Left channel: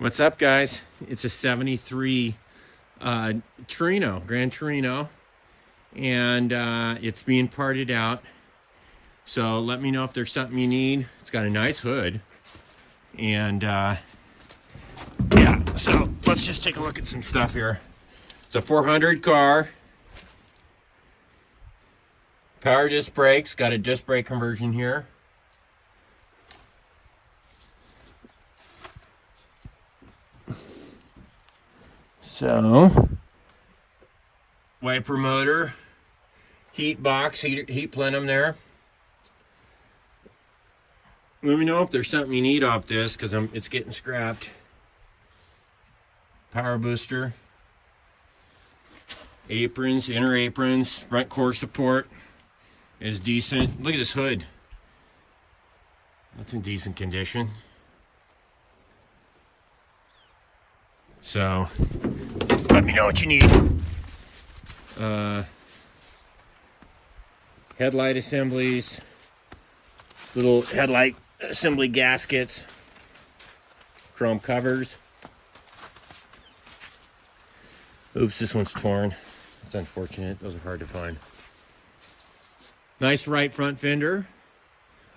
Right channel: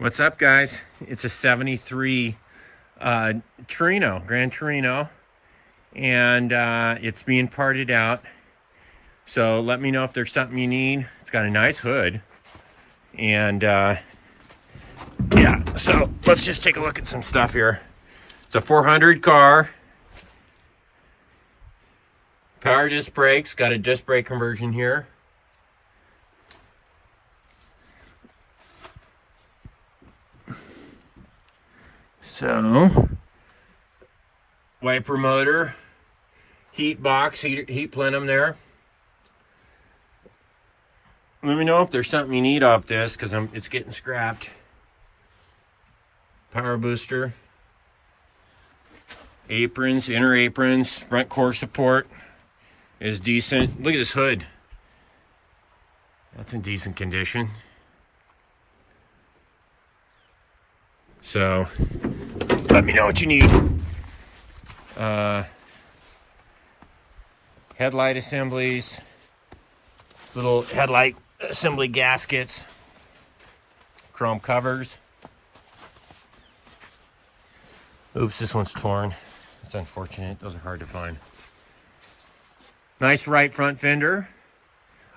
What's up, guys? It's a 73 Torino, Gran Torino, and it's being parted out. So let me know if there's something you need. It's got a nice hood. And yeah, so let's just take a look at some stuff here. It's a 400 car. Power disc brakes, got a disc brake conversion here. So, wiper motor, heat box, heat plenum there. Let me know if there's something you need off this, because it's getting scrapped. Power booster, aprons, inner aprons, front core support is decent. Look at this hood. That's in decent condition. So, let me know what you need. Headlight assemblies, little headlight assembly gaskets, chrome covers. Oops, this one's torn. It's unfortunate. Those are hard to find. Nice right front fender.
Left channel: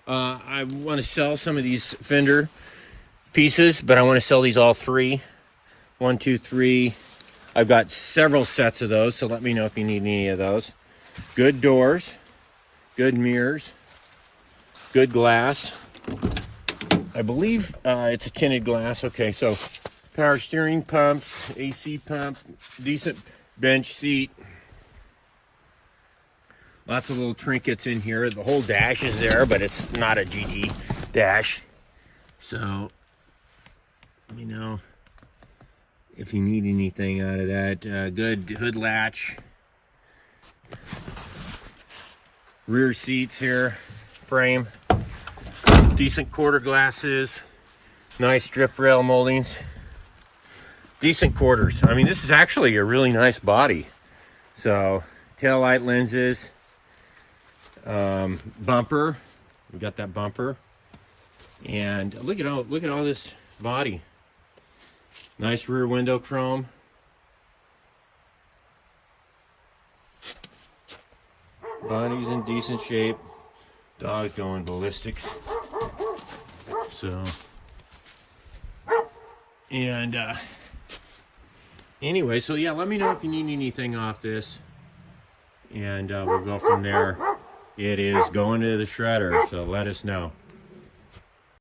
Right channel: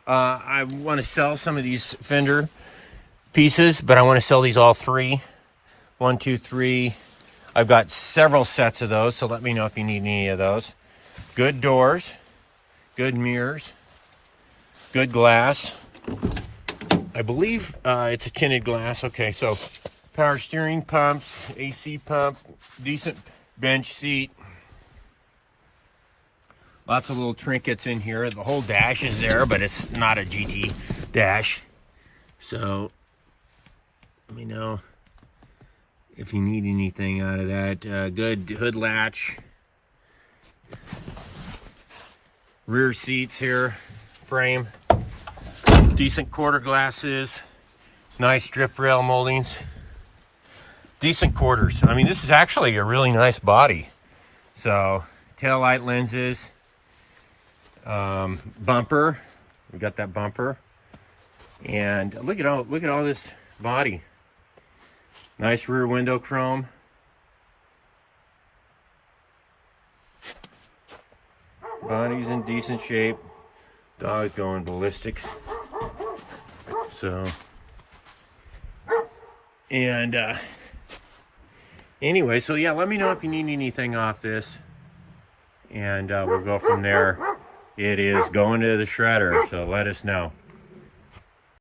I want to sell some of these fender pieces, but I want to sell these all three. 1, 2, 3. I've got several sets of those, so let me know if you need any of those. Good doors, good mirrors, good glass. I believe it's a tinted glass. Okay, so power steering pumps, AC pump, decent bench seat. Lots of little trinkets in here. The whole dash is there, but it's not a GT dash. So let me know if you need anything out of that. Good hood latch. Rear seats here, frame. Decent quarter glasses. Nice strip rail moldings. Decent quarters. I mean, this is actually a really nice body. So, tail light lenses. Bumper. We got that bumper. And look at all this body. Nice rear window chrome. Body's in decent shape. Dog's going ballistic. So, and anyway, so yeah, let me know if you need anything off this, and we'll go from there. It is going to the shredder, so let us know.